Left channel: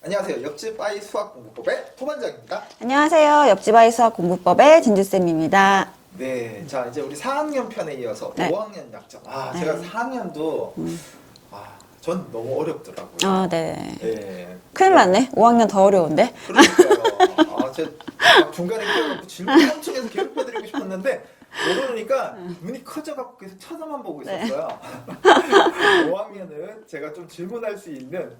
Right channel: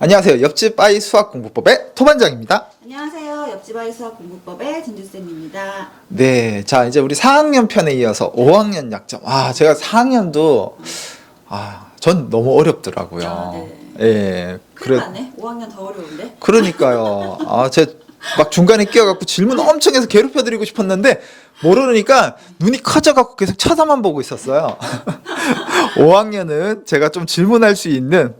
안녕하세요. 옆집 아이 수학 공부법의 토반장입니다. 안녕하세요. 옆집 아이 수학 공부법의 진주쌤입니다. 네, 자 이제 우리 4학년 편에 이어서 5학년 약점. 제가 4학년도 전 너무 어렵더라고요. 네. 예. 큰일 났네. 5학년 더 어려운데. 그러니까요. 제 막 중간에 끼어갖고 질문 엄청 해서 괴롭혀드리고 싶었는데 모르니까 눈이 커져갖고 계속 쳐다만 보고 있었어요. 5학년은 제가 좀 질문할 수 있는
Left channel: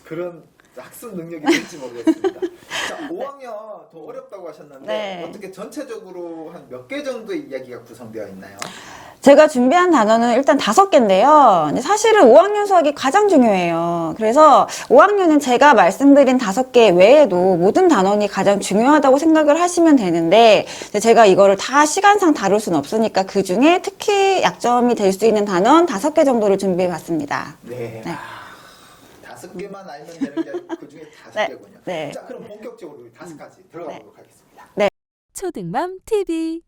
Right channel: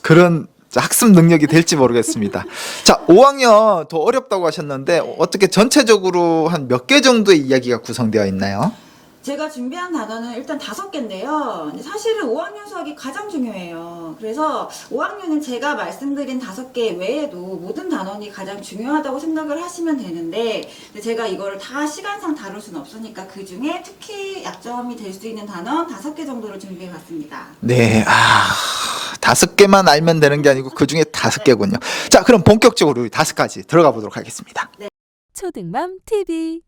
그런 학습 능력이 될지 모르겠습니다. 자, 5학년 더 어렵다고 하셨는데 어떻게 전체적으로 한 몇 개 정도의 이야기가 구성되어 있나요? 제가 준비한 단어는 일단 5개인데요. 사실은 5학년 수학이 가장 중요해요. 그래서 5학년은 제가 말씀드린 5개 외에도 모든 단원이 가장 중요하다고 생각을 하시면 되는데 제가 이거를 다 시간상 다룰 수는 없으니까 그 중에 특히 약점이 될 수 있는 단원 5개 정도를 준비해 봤습니다. 네, 5개만 알면 되는 게 아니고 그 중에 5개군요. 자, 그럼 본격적으로 우리 5가지 들어가 보도록 하겠습니다. 네. 초등맘 TV.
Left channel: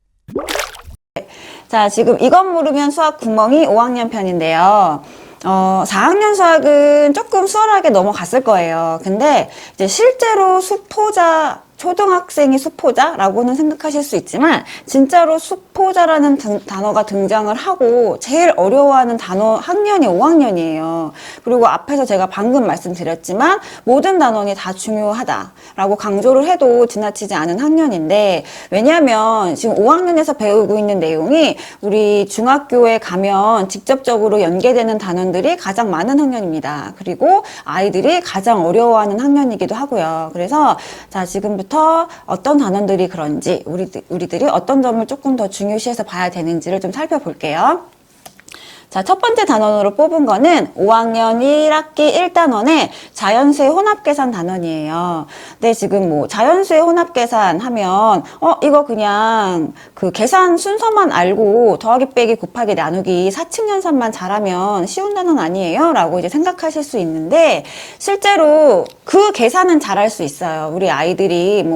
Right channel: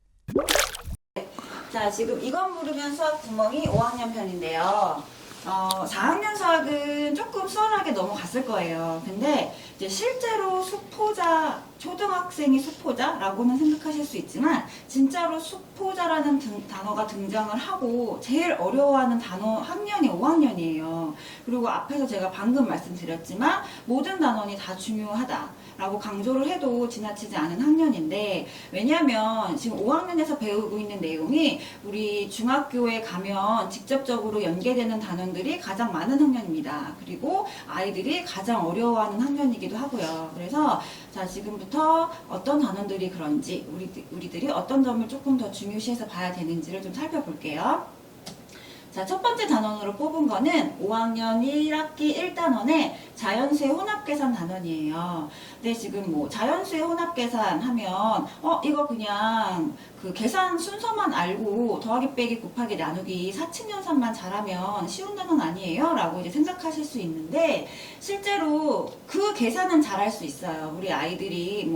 자, 지금 이것 모르면 수학 구멍이 5학년 편인데요. 4학년 수학은 조금 수월하게 넘어갔을 거예요. 근데 이제 실제로 초등학생이 수포자라고는 생각하실 수 있지만 진짜로 수포자라는 단어가 등장을 하고 제일 어려워하는 학년이 5학년이에요. 그리고 앞에서 제가 방금 말씀드렸지만 모든 단원이 다 중요하다라고 강조를 해도 지나치지 않은 학년인데 왜냐하면 지금 5학년에서 배우고 있는 내용이 우리 중학교에 가면 직접적으로 연계되는 단원들이 가장 많은 학년입니다. 그리고 아이들이 가장 어려워하는 학년이기도 하고요. 그래서 자, 지금부터 어떤 단원들이 그런지 우리들이 어떤 점을 조금 더 중요시해서 봐야 되는지를 좀 살펴볼게요. 자, 첫 번째 단원으로 뽑은 거는 5학년 1학기 1단원의 자연수의 혼합계산 단원이에요. 근데 지금 자연수의 혼합계산 하면 이거 그냥 그 계산 순서만 알고 더하기 빼기 곱하기 나누기 사칙연산만 잘하면 쉬운 단원 아니에요? 라고 이제 생각하실 수 있는데 실제로 그 계산은 잘할 수 있어요. 우리 아이들이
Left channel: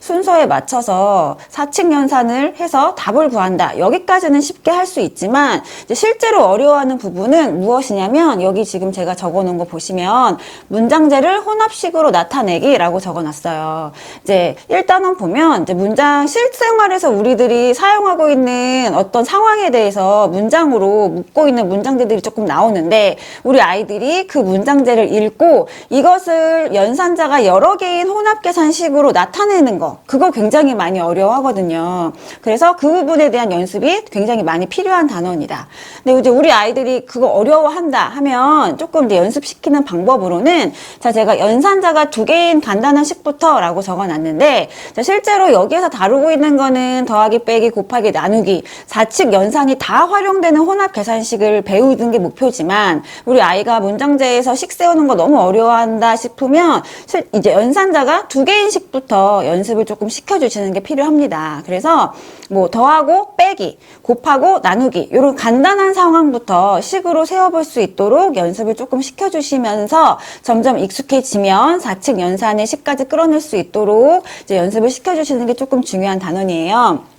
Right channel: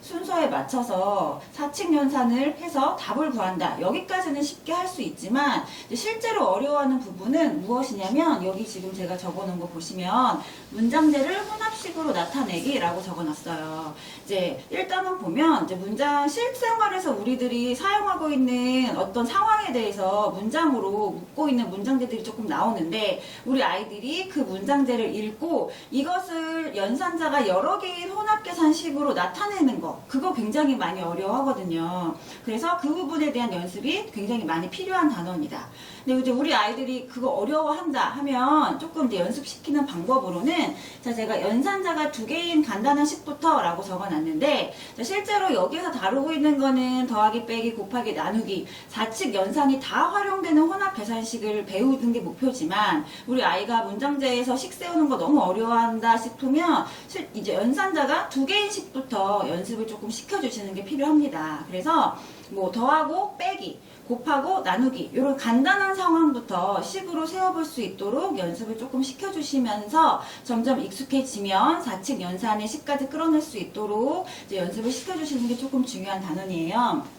순서에 맞춰서 사칙연산을 해서 답을 구한다. 여기까지는 쉽게 할 수 있지만 이제 실제로 어려워하는 부분은 무엇이냐면 여기 지금 제가 적어놓은 거 보시면 문장재를 혼합식으로 나타내기라고 적어놨어요. 이제 1단원 보면 이제 문장 실생활에서 우리들이 사용하고 있는 어떤 상황에 대해서 문장으로 묶고 있는 문장재들이 조금 나오는데 우리 아이들이 그 문장재를 읽고 이것을 연산자가 여러 개인 혼합계산식으로 나타내는 거 그거 굉장히 많이 어려워하거든요. 그래서 그 부분에 대한 연습이 굉장히 많이 필요한 단원이다. 근데 이제 우리 아이들이 그거 어려워한다 하면 조금 이제 연습시키는 방법으로는 자, 제가 연산자가 2개인 간단한 식부터 라고 적어놨는데 자, 실제로 여기에서 다루고 있는 거는 더하기 빼기 곱하기 나누기 사칙 연산이 다 활용되는 혼합 계산식을 배우는 게 목표지만 우리 아이가 문장재에서 식 세우는 거 너무 어려워한다 싶으면 이제 연산자가 2개인 식부터 연습을 조금 시켜주시는 게 필요합니다. 그래서 더하고 빼기 곱하고 나누기 이런 간단한 상황부터 식으로 세워볼 수 있도록 연습을 조금 시켜주시면서 점점 익숙해지면 사칙 연산의 식까지 끌어낼 수 있도록 이제 연습을 시켜주시는 게 조금 중요한 단원이에요.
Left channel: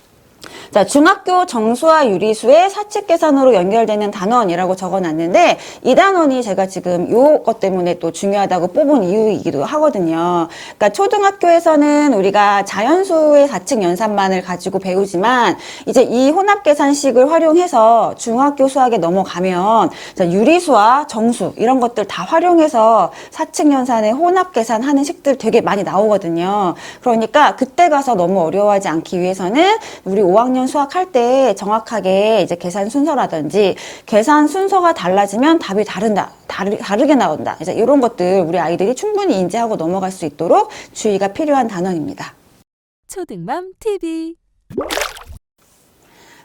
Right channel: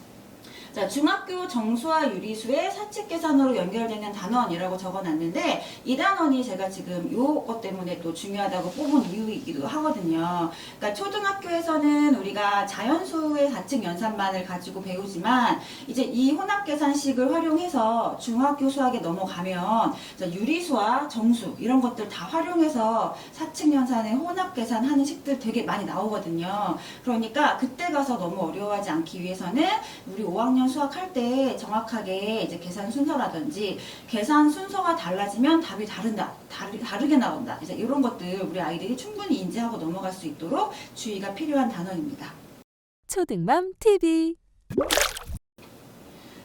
자, 중학교 정수와 유리수의 사칙 계산으로 연결되는 단원이라고 적어놨는데 이 단원이 제가 지금 요것 때문에 또 중요하다고 뽑은 이유이기도 하거든요. 그러니까 초등학교에서는 우리가 자연수의 사칙 연산만을 가지고 배우지만 이제 이 혼합 계산식을 활용해서 중학교 수학에 넘어가면 유리수와 정수 이런 것들 다 활용해서 사칙 연산의 혼합 계산하는 식들 되게 많이 나오거든요. 그러니까 그때 가서 너무 어려워하지 않기 위해서는 우리 5학년 수학할 때 정확하게 이제 계산 순서라든지 계산 순서가 달라지면 답이 다르게 나온다. 이제 이런 것들 우리 아이들이 충분히 인지하고 넘어갈 수 있도록 주의가 필요한 단원입니다. 초등맘 TV.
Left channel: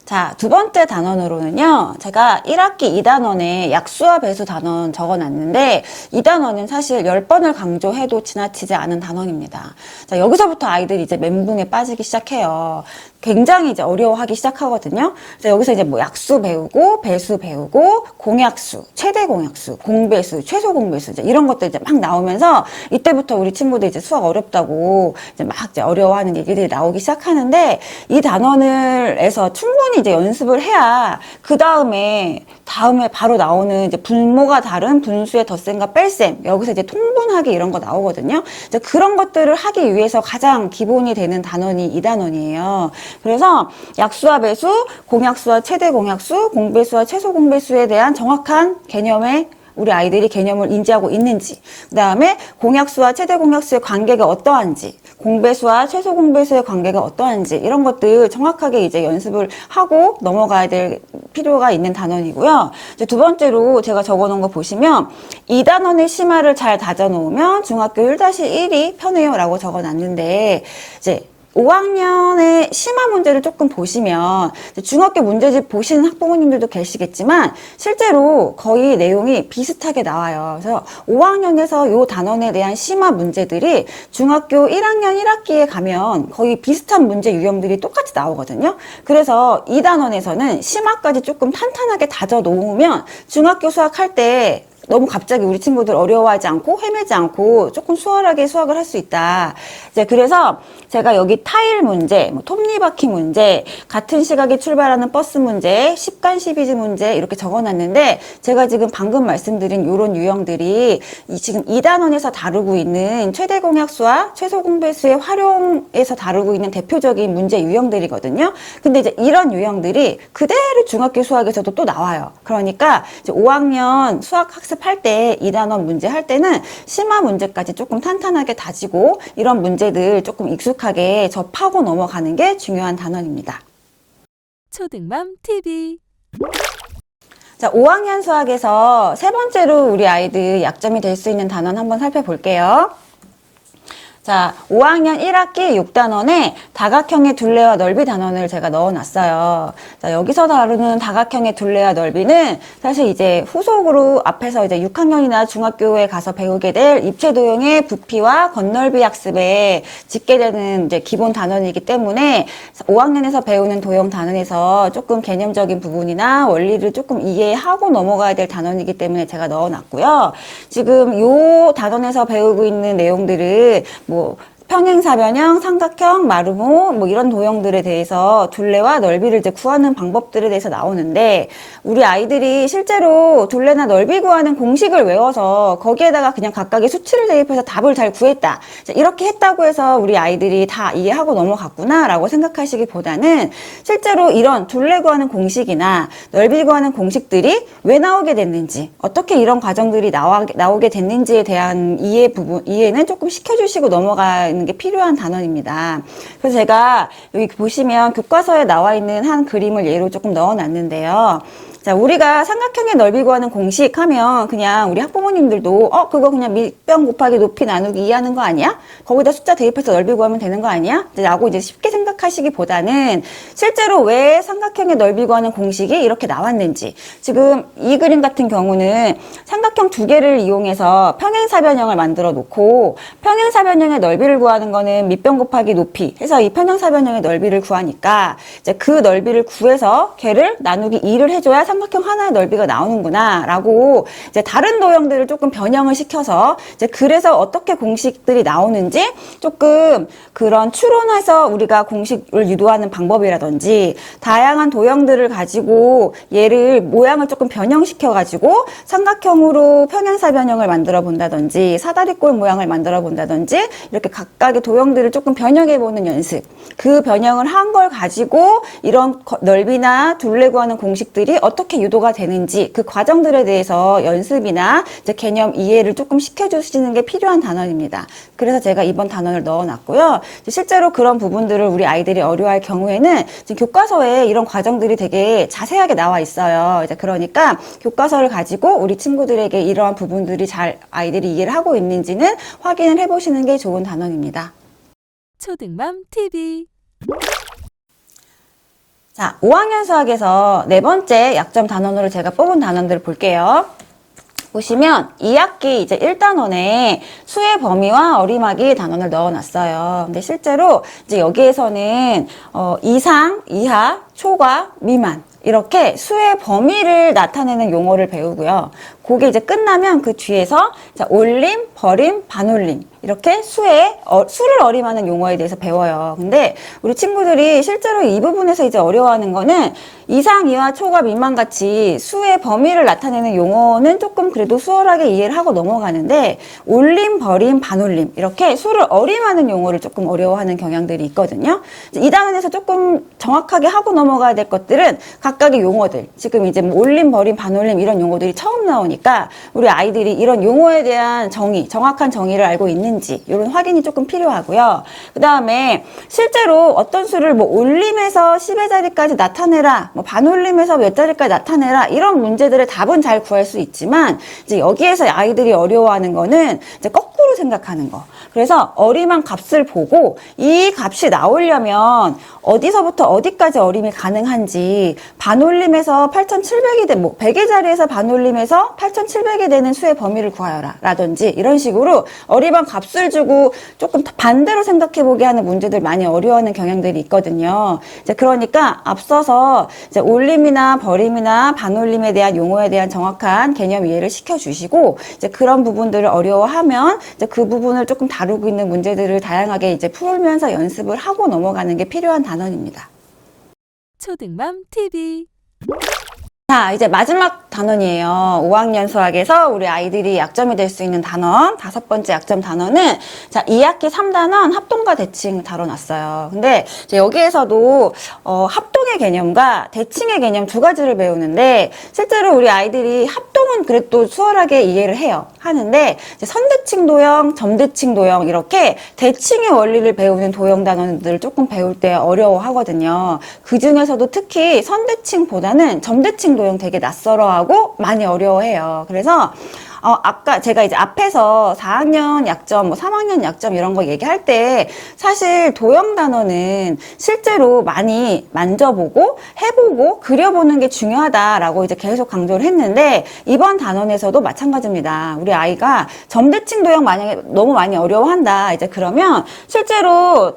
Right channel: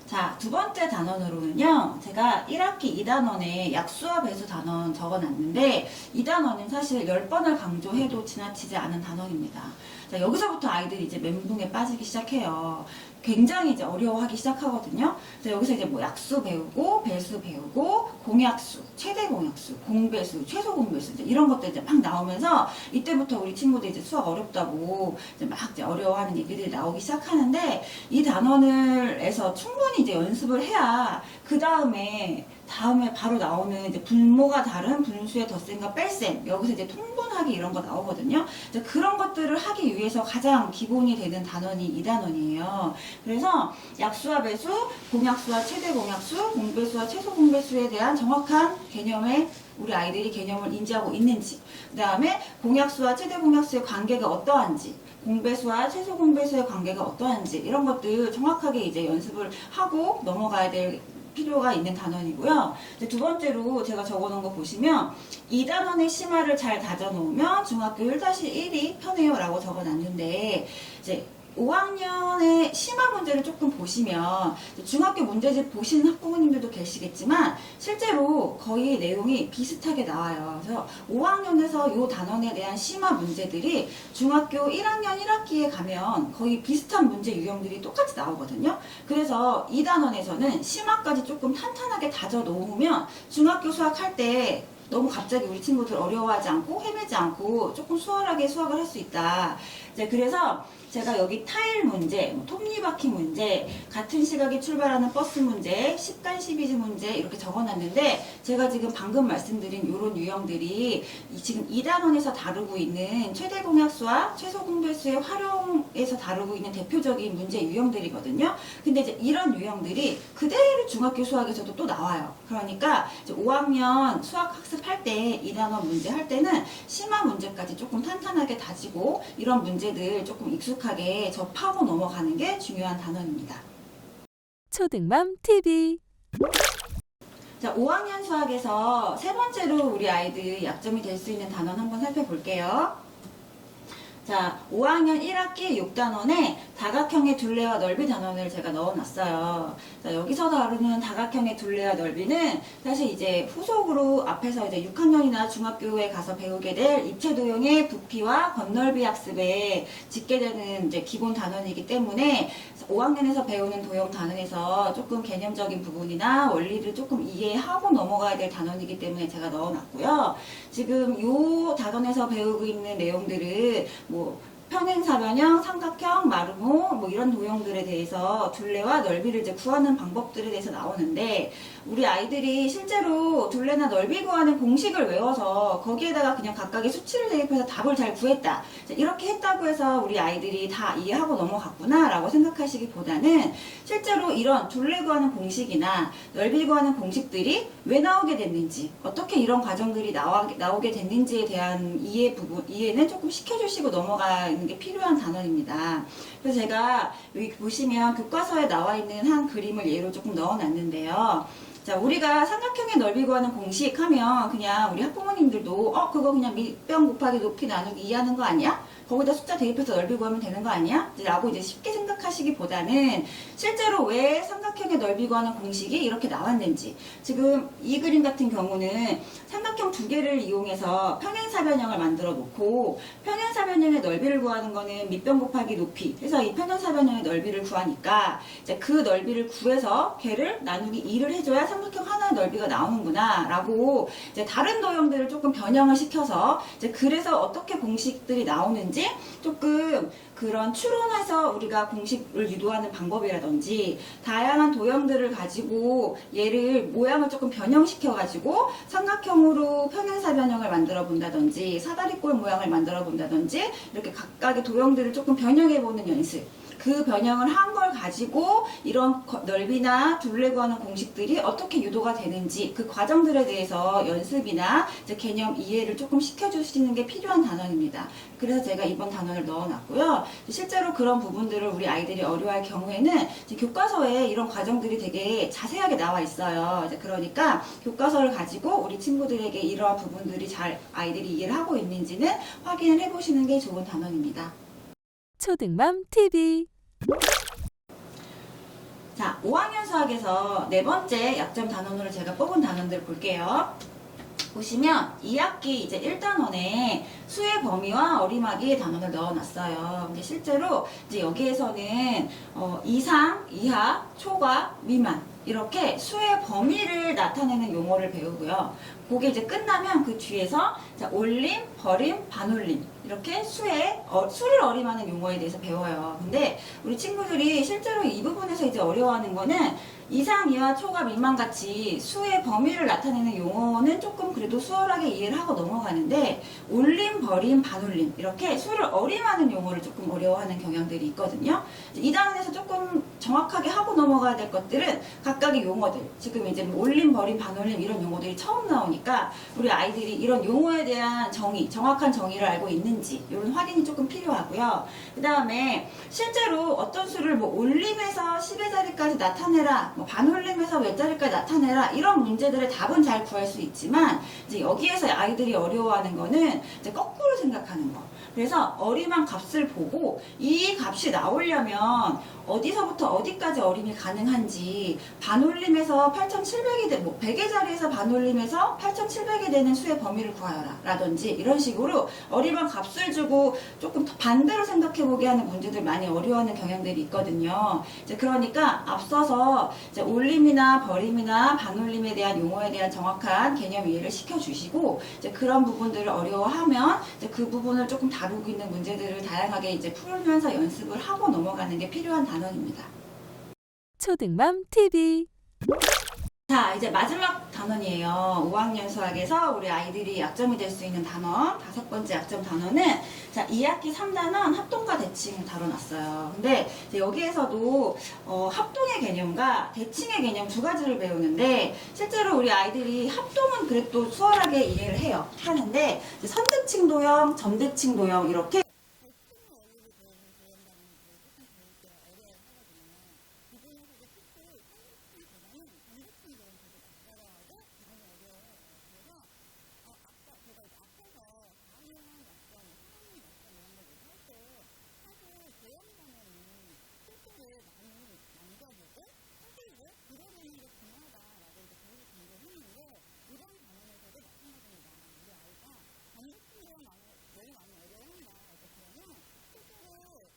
자, 두 번째 단원으로는요, 제가 1학기 2단원에 약수와 배수 단원 적어놨는데, 이 단원은 사실 10번을 강조해도 지나치지 않은 단원입니다. 자, 여기서부터 아이들이 이제 멘붕에 빠지기 시작해요. 굉장히 이제 어려워하기 시작하거든요. 그래서 여기서 이제 약수 배우고, 배수 배우고, 공약수, 최대 공약수, 공배수, 최소 공배수, 이제 이런 것들 이제 막 나오면서, 이때부터 우리 친구들 이제 수학 어렵다고 이제 막 이제 어려워하는 얘기들이 나오기 시작하는데, 이 단원에서 충분히 이제 연습을 해야 그 다음에 다음에 바로 나오는 이제 분모가 다른 분수의 덧셈과 뺄셈, 여기서 이제 통분하기 이런 거 나오거든요. 이제 그런 것들을 하기 위해서 가장 기본이 되는 단원이 이 단원이에요. 그래서 약수와 배수, 공약수와 최대 공약수, 공배수와 최소 공배수에 대한 정확한 개념의 우리 아이들이 개념을 인지하고 있는지, 그 다음에 공약수와 최대 공약수의 관계가 어떠한지, 공배수와 최소 공배수의 관계가 어떠한지 이런 것들 정확하게 이제 연습을 하고 넘어가야 될 필요가 있는 단원이고요. 이제 두 번째로 제가 적어놓은 거 보시면 이 단원의 심화를 잘 다져놓으면 중학교 1-1이 편해요 라고 적어놨는데, 이제 5학년의 심화 문제를 조금 보시면 중학교 문제집 보시는 학부모님들도 계시겠지만 실제로 거의 내용이 비슷하게 나와요. 그래서 5학년에서 이 단원에 대한 심화 문제들이 중학교 1학년 1학기에 가면 거의 비슷한 문제 유형들이 똑같이 나오거든요. 그래서 이 단원에서는 심화까지 조금 탄탄하게 다져 놓으면 중학교 수학할 때 너무 갑자기 우리 친구들 어려워하지 않고 헤매지 않고 조금 수월하게 수학을 할 수 있다. 이제 그래서 제가 여기 타일 문제, 뭐 톱니바퀴 문제, 같은 시각에 출발하는 버스 문제, 10간 12지 문제 이렇게 적어놨는데, 제가 지금 방금 말씀드린 이런 유형들이 지금 2단원에서 다루고 있는 최대 공약수와 최소 공배수의 활용에서 다루고 있는 대표적인 문제 유형들이거든요. 근데 이제 이런 유형들이 그대로 중학교 수학에서도 또 나와요. 그러니까 이제 5학년 수학 학습할 때 2단원 문제 할 때는 심화 문제까지 조금 탄탄하게 다지고 이런 문제들 조금 익숙하게 접하고 넘어가는 게 중요한 단원입니다. 초등맘 TV. 자, 5학년 수학에서 세 번째로 우리 아이들 약점이 될 수 있는 단원 한번 살펴볼게요. 자, 5학년 1학기 6단원에 다각형의 둘레와 넓이 단원을 제가 넣어놨어요. 자, 여기서 다루는 다각형의 둘레와 넓이는 사실 이제 후속으로 앞에서 이제 6학년이나 중학교에 가서 배우게 될 입체도형의 부피와 건널비 학습에 짓게 되는 이제 기본 단원이기 때문에 5학년에서 배우는 도형 단원에서 조금 개념적인 부분이나 원리를 조금 이해하고 넘어가야 될 단원이기 때문에 제가 넣어놨고요. 지금 요 단원에서 배우고 있는 내용들은 뭐 평행사변형, 삼각형, 마루모 뭐 이런 도형들에 대해서 둘레와 넓이를 이제 구하는 방법들에 대해서 나오는데, 우리 아이들이 실제로 둘레나 넓이 구하는 공식을 외워서 거기에다가 그냥 각각의 수치를 대입해서 답을 잘 구했다, 이렇게 했다고 해서 우리 아이들이 다 이해하고 넘어갔구나 라고 생각하시기보다는 실제로 이런 둘레 구하는 공식이나 넓이 구하는 공식들이 왜 나오게 됐는지, 어떻게 이런 과정들이 나오게 됐는지에 대한 이해는 조금 시켜주시고 넘어가는 게 필요한 단원입니다. 그래서 제가 여기 보시면 교과서에 나와 있는 한 그림을 예로 조금 넣어놨는데요. 자, 우리가 삼각형의 넓이 구하는 공식 하면 그냥 우리 학부모님들도 그거 그냥 밑변 곱하기 높이 나누기 2 하는 거 아니야? 거기다 숫자 대입해서 넓이 구하면 되는 거 아니야? 라고 이제 쉽게 생각하시기보다는 실제로 왜 삼각형의 넓이 구하는 공식이 이렇게 나왔는지, 지금 이 그림 같은 경우는 삼각형 두 개를 이용해서 평행사변형을 만들어 놓고, 평행사변형의 넓이를 구하는 거는 밑변 곱하기 높이 해서 이 평행사변형의 넓이를 구하니까 이제 그 넓이를 구해서 걔를 나누기 2를 해줘야 삼각형 하나의 넓이가 나오는구나 라고 이제 다른 도형들을 조금 변형을 시켜서 이제 그래서 어떻게 공식들이 나오는지 조금 그런 추론해서 우리가 공식을 유도하는 방법이라든지, 다양한 도형들을 가지고 얘를 모양을 조금 변형시켜 가지고 삼각형으로 평행사변형을 만들어 본다든지 사다리꼴 모양을 만들어 본다든지 이렇게 각각의 도형들을 조금 변형해 보는 연습, 그 변형을 한 걸 가지고 이런 넓이나 둘레 구하는 공식들이 어떻게 유도가 되는지 그 과정들에 대해서 연습이나 이제 개념 이해를 조금 시켜주시는 게 필요한 단원입니다. 그래서 제가 이번 단원을 넣어놨고요. 실제로 그런 부분들을 우리 아이들이 어려워할 경우에는 지금 교과서에 이런 과정들이 되게 자세하게 나와 있어요. 이제 그러니까 교과서를 가지고 우리 친구들에게 이러한 부분들이 잘 아이들이 이해를 하고 있는지는 확인을 해보시는 게 좋은 단원입니다. 초등맘 TV. 자, 5학년 수학에서 네 번째 약점 단원으로 제가 뽑은 단원들을 볼게요. 보시면 2학기 이제 1단원에 수의 범위와 어림하기 단원을 넣어놨어요. 근데 실제로 이제 여기에서는 이상, 이하, 초과, 미만 이렇게 수의 범위를 나타내는 용어를 배우고요. 그게 이제 끝나면 그 뒤에서 자, 올림, 버림, 반올림 이렇게 수를 어림하는 용어에 대해서 배워요. 근데 우리 친구들이 실제로 이 부분에서 이제 어려워하는 거는 이상, 이하, 초과, 미만 같이 수의 범위를 나타내는 용어는 조금 그래도 수월하게 이해를 하고 넘어가는데 올림, 버림, 반올림 이렇게 수를 어림하는 용어를 조금 어려워하는 경향들이 있거든요. 이 단원에서 조금 정확하게 하고 넘어가야 될 것들은 각각의 용어들 지금 이제 뭐 올림, 버림, 반올림 이런 용어들이 처음 나오니까 우리 아이들이 이런 용어에 대한 정의, 정확한 정의를 알고 있는지 이런 확인이 조금 필요하고요. 그 다음에 실제로 어떤 수를 뭐 올림에서 10의 자리까지 나타내라, 뭐 반올림에서 몇 자리까지 나타내라 이런 문제들의 답은 잘 구할 수 있지만 이제 여기에서 아이들이 어려워하는 거는 이제 거꾸로 생각하는 거. 그래서 어림한 값을 보고 이 값이 나오려면 어디서부터 어디까지 어림이 가능한지 반올림에서 8,700이 된, 뭐 100의 자리에서 반올림에서 8,700이 되는 수의 범위를 구하여라 라든지 이런 식으로 어림한 값을 주고 조금 반대로 생각해보게 하는 문제들 많이 어려워하는 경향들이 있거든요. 이제 그러니까 앞서서 이제 올림이나 버림이나 반올림에 대한 용어에 대한 정확한 개념 이해를 시켜주시고 이제 그런 부분들을 어려워하면 이제 그 부분을 조금 다루고 있는 문제들을 다양하게 이제 풀면서 연습을 하고 넘어가는 게 필요한 단원입니다. 초등맘 TV. 자, 이제 마지막 단원이에요. 5학년 수학에서 우리 아이들이 약점이 될 수 있는 단원, 5번째 약점 단원은 자, 2학기 3단원 합동과 대칭 다뤄놨어요. 근데 이제 여기에서도 합동의 개념과 대칭의 개념 두 가지를 배우는데 실제로 우리 아이들이 합동은 그래도 수월하게 이해를 해요. 하는데 이제 선대칭 도형, 점대칭 도형 이렇게 대칭의 원리를 배우는 도형 단원들을 조금 배울 때 어려워하거든요. 그 중에서도 특히 선대칭보다는 점대칭 도형 되게 낯설어하고 많이 어려워해요. 그래서 아까 제가 이제 앞에서 4학년 약점, 뭐 3학년 약점 이런 거 얘기할 때 사실 도형 단어는 실제로 많이 만져보고 해보고 그려보는 게 중요하다라고 이제 계속 강조를 했는데 이번 단원에서도 마찬가지입니다. 우리 아이가 점대칭 도형 만약에 너무 많이 어려워한다. 이제 그러면 실제로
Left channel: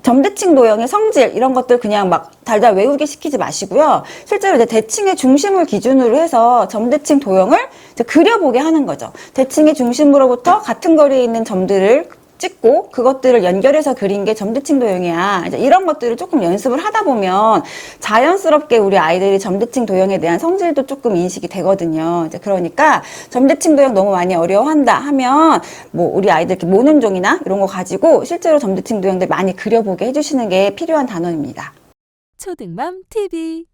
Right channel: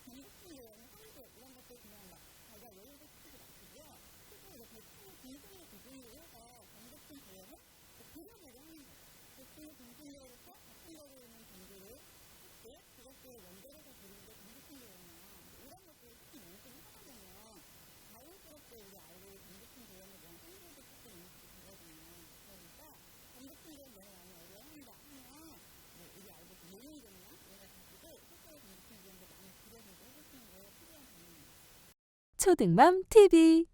점대칭 도형의 성질 이런 것들 그냥 막 달달 외우게 시키지 마시고요. 실제로 이제 대칭의 중심을 기준으로 해서 점대칭 도형을 이제 그려보게 하는 거죠. 대칭의 중심으로부터 같은 거리에 있는 점들을 찍고 그것들을 연결해서 그린 게 점대칭 도형이야. 이제 이런 것들을 조금 연습을 하다 보면 자연스럽게 우리 아이들이 점대칭 도형에 대한 성질도 조금 인식이 되거든요. 이제 그러니까 점대칭 도형 너무 많이 어려워한다 하면 뭐 우리 아이들 이렇게 모는 종이나 이런 거 가지고 실제로 점대칭 도형들 많이 그려보게 해주시는 게 필요한 단원입니다. 초등맘 TV.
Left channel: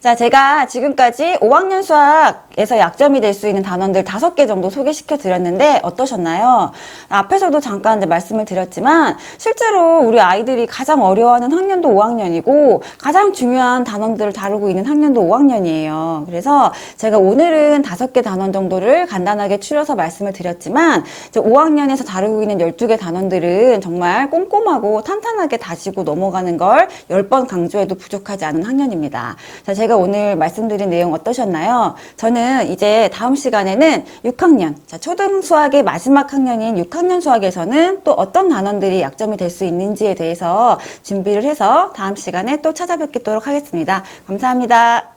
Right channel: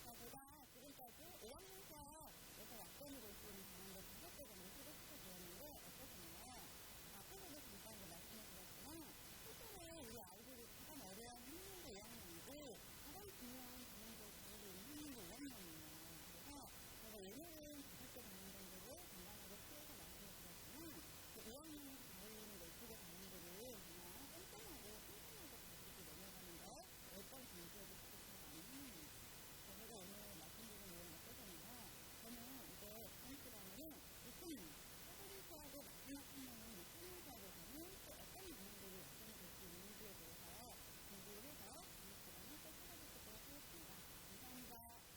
자, 제가 지금까지 5학년 수학에서 약점이 될 수 있는 단원들 5개 정도 소개시켜 드렸는데 어떠셨나요? 앞에서도 잠깐 이제 말씀을 드렸지만 실제로 우리 아이들이 가장 어려워하는 학년도 5학년이고 가장 중요한 단원들을 다루고 있는 학년도 5학년이에요. 그래서 제가 오늘은 5개 단원 정도를 간단하게 추려서 말씀을 드렸지만 이제 5학년에서 다루고 있는 12개 단원들은 정말 꼼꼼하고 탄탄하게 다지고 넘어가는 걸 10번 강조해도 부족하지 않은 학년입니다. 자, 제가 오늘 말씀드린 내용 어떠셨나요? 저는 이제 다음 시간에는 6학년, 자, 초등 수학의 마지막 학년인 6학년 수학에서는 또 어떤 단원들이 약점이 될 수 있는지에 대해서 준비를 해서 다음 시간에 또 찾아뵙도록 하겠습니다. 감사합니다.